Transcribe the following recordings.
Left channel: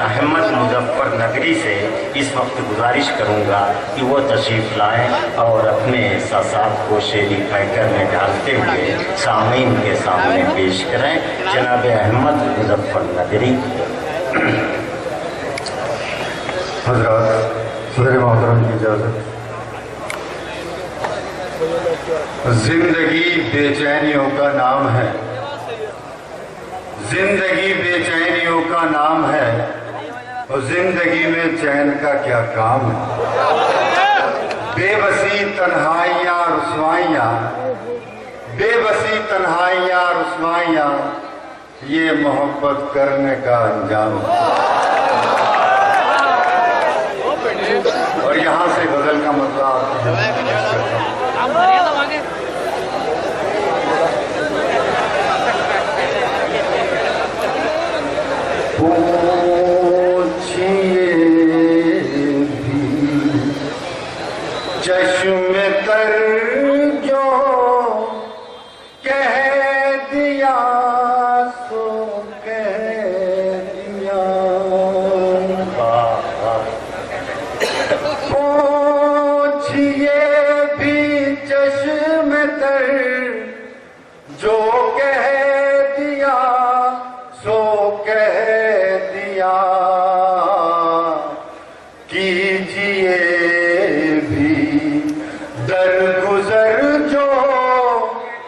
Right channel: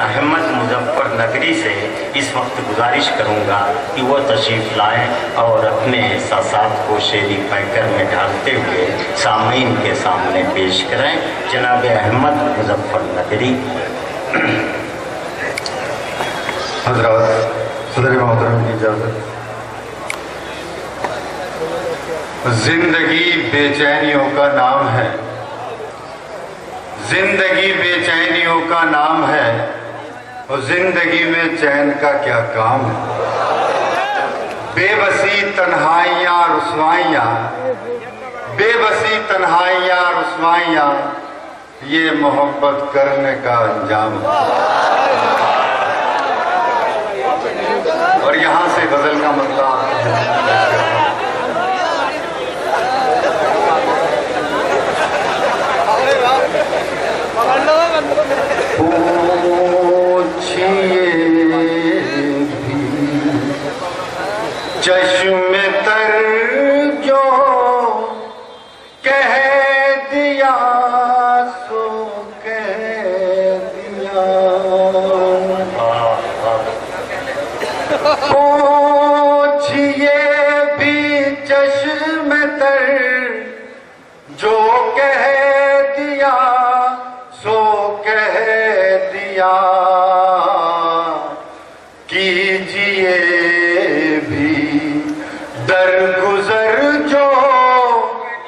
अहमद मुजफ्फरनगरी से इस वक्त गुजारिश करूंगा कि वो तशरीफ़ लाएं और अपने एहसासात को शेरी पैकर में डालते हुए सामीन के सामने पेश करें। जनाब अहमद मुजफ्फरनगरी। हज़रात, सदर मोहतरम की इजाज़त। जिंदगी बेचैनियों का नाम है, जिंदगी बेचैनियों का नाम है, और जिंदगी में चैन का क्या काम है। बेबसी तन्हाइयाँ रुसवाइयाँ, बेबसी तन्हाइयाँ रुसवाइयाँ, ये मोहब्बत करने का अंजाम है। और यहाँ से गजल का मतलब चश्मे तर जो कह दिया सो कह दिया, पूछिए भी चश्मे तर जो कह दिया सो कह दिया, कीजिए दरगुजर जो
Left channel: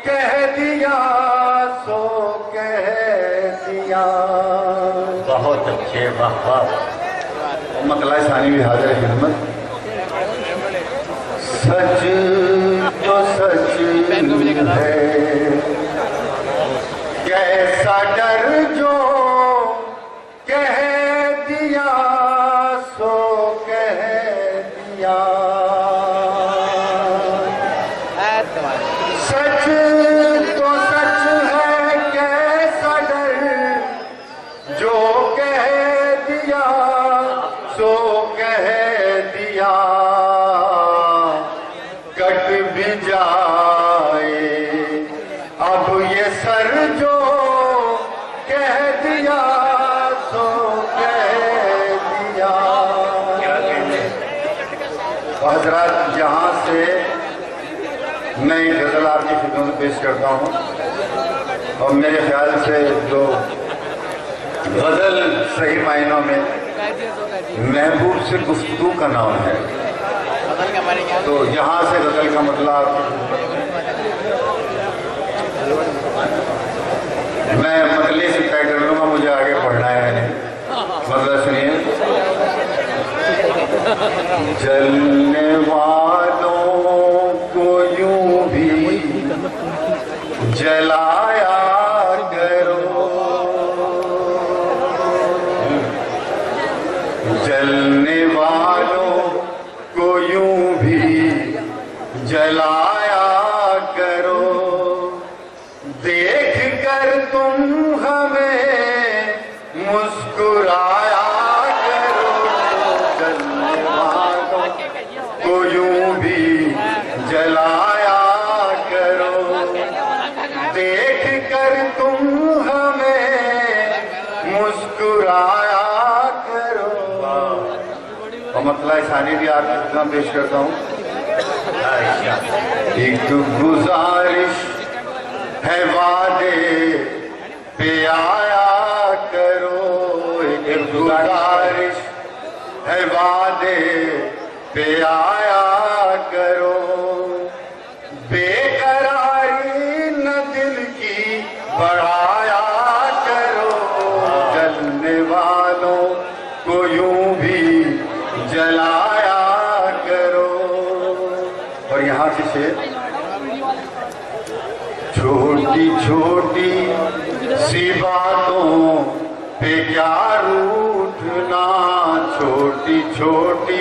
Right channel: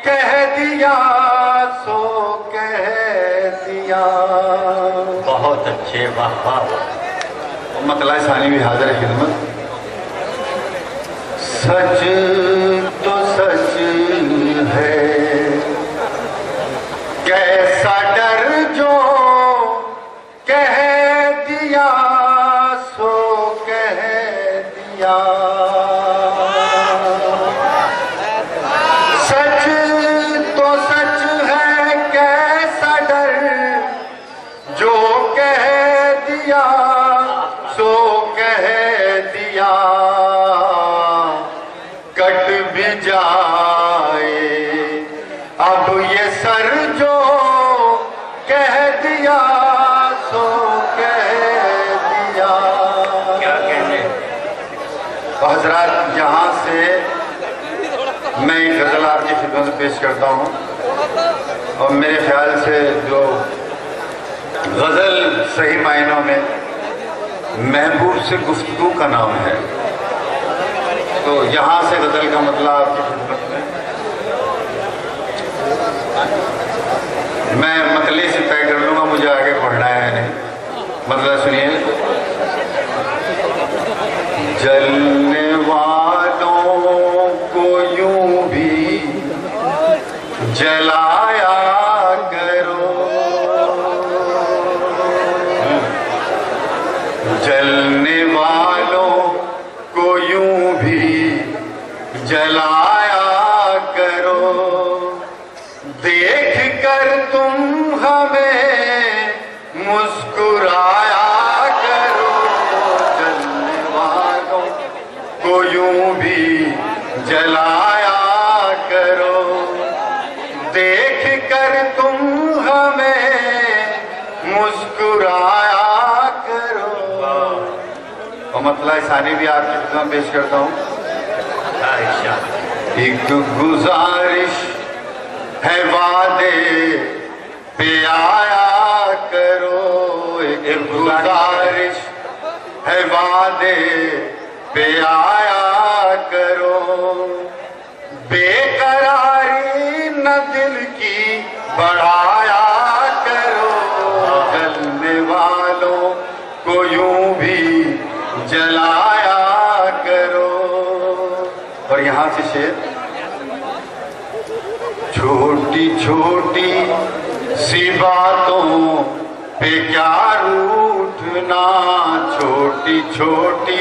कह दिया सो कह दिया। बहुत अच्छे, वाह। मतला सानी भी हाजिर है खिदमत। सच तो सच है, कैसा डर जो कह दिया सो कह दिया, जो कह दिया सो कह दिया, कट भी जाए अब ये सर जो कह दिया सो कह दिया। क्या कहते? हजरात, यहाँ से मैं एक गजल आपकी खिदमत में पेश करता हूँ, और मेरे ख्याल से जो गजल सही मायनों में महबूब से गुफ्तगू का नाम है, तो यहाँ से गजल का मतलब आपकी मैं मतले से तय कर लूँगा, मुझे आगे पढ़ना है नहीं। मतलब सुनिए। जलने वालों को यूं भी जलाया जलने वालों को यूं भी जलाया करो, देख कर तुम हमें मुस्कुराया करो। जलने वालों को यूं भी जलाया करो, देख कर तुम हमें मुस्कुराया। और मतलब सानी भी आपके सामने पेश करता हूँ। एक गुजारिश है वादे पे आया करो, एक गुजारिश है वादे पे आया करो, बेकरारी न दिल की बढ़ाया करो। जलने वालों को यूं भी जलाया करो। और यहाँ से शेर, छोटी छोटी सी बातों पे क्या रूठना, छोटी छोटी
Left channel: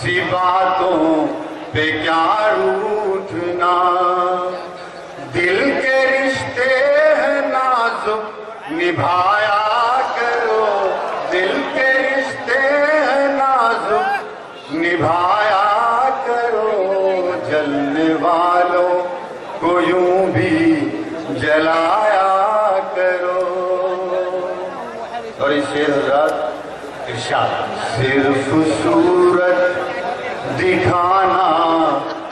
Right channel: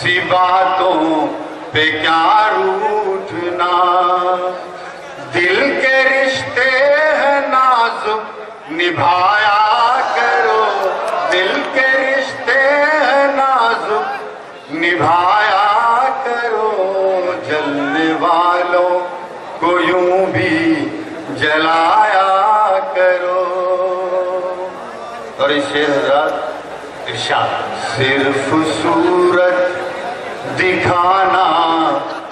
सी बातों पे क्या रूठना, दिल के रिश्ते हैं नाजुक निभाया करो, दिल के रिश्ते हैं नाजुक निभाया करो। जलने वालों को यूं भी जलाया करो। और इस शेर हजरात इरशाद। सिर्फ सूरत दिखाना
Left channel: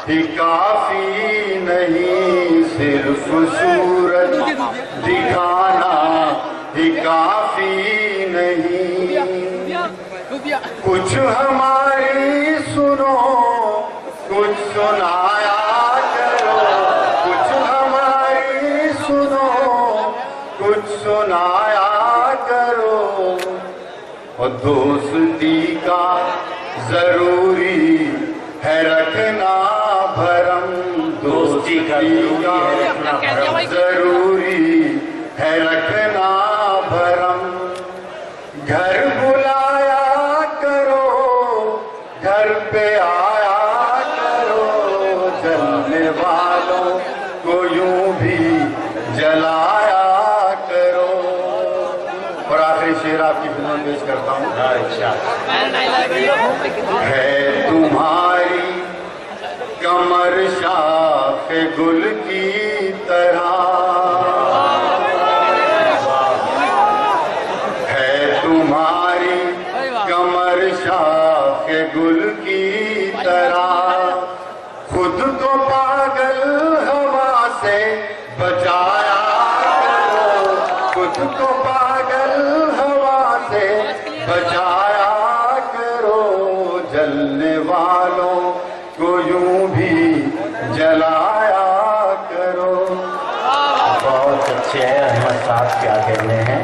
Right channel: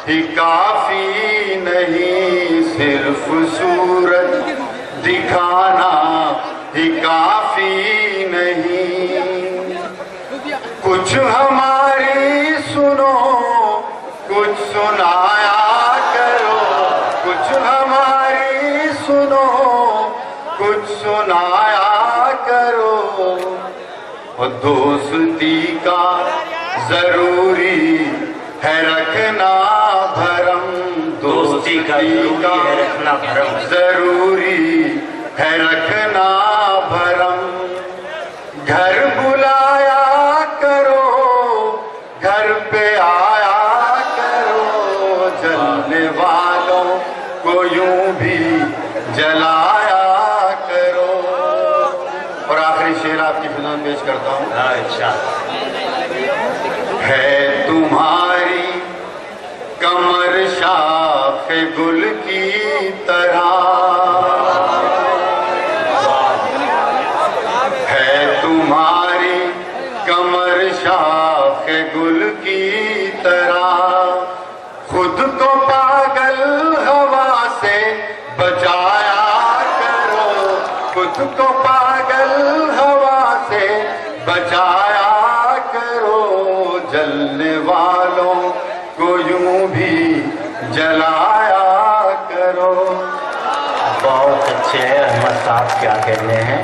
ही काफी नहीं, सिर्फ सूरत दिखाना ही काफी नहीं, कुछ हमारी सुनो, कुछ सुनाया करो, कुछ हमारी सुनो, कुछ सुनाया करो। और दोस्ती का जरूरी है रखना भरम, दोस्ती का जरूरी है रखना भरम, जरूरी है रखना भरम। घर बुलाया करो, घर पे आया करो, जलने वालों को यूं भी जलाया करो। और आखिरी शेर आपकी फिल्म में पेश करता हूँ। इरशाद। है तुम्हारी कमर शाखे गुल की तरह, है तुम्हारी कमर शाखे गुल की तरह, खुद को पागल हवा से बचाया करो, खुद को पागल हवा से बचाया करो, जलने वालों को यूं भी जलाया करो। बहुत अच्छे हैं अहमद साहब, क्या कहने हैं।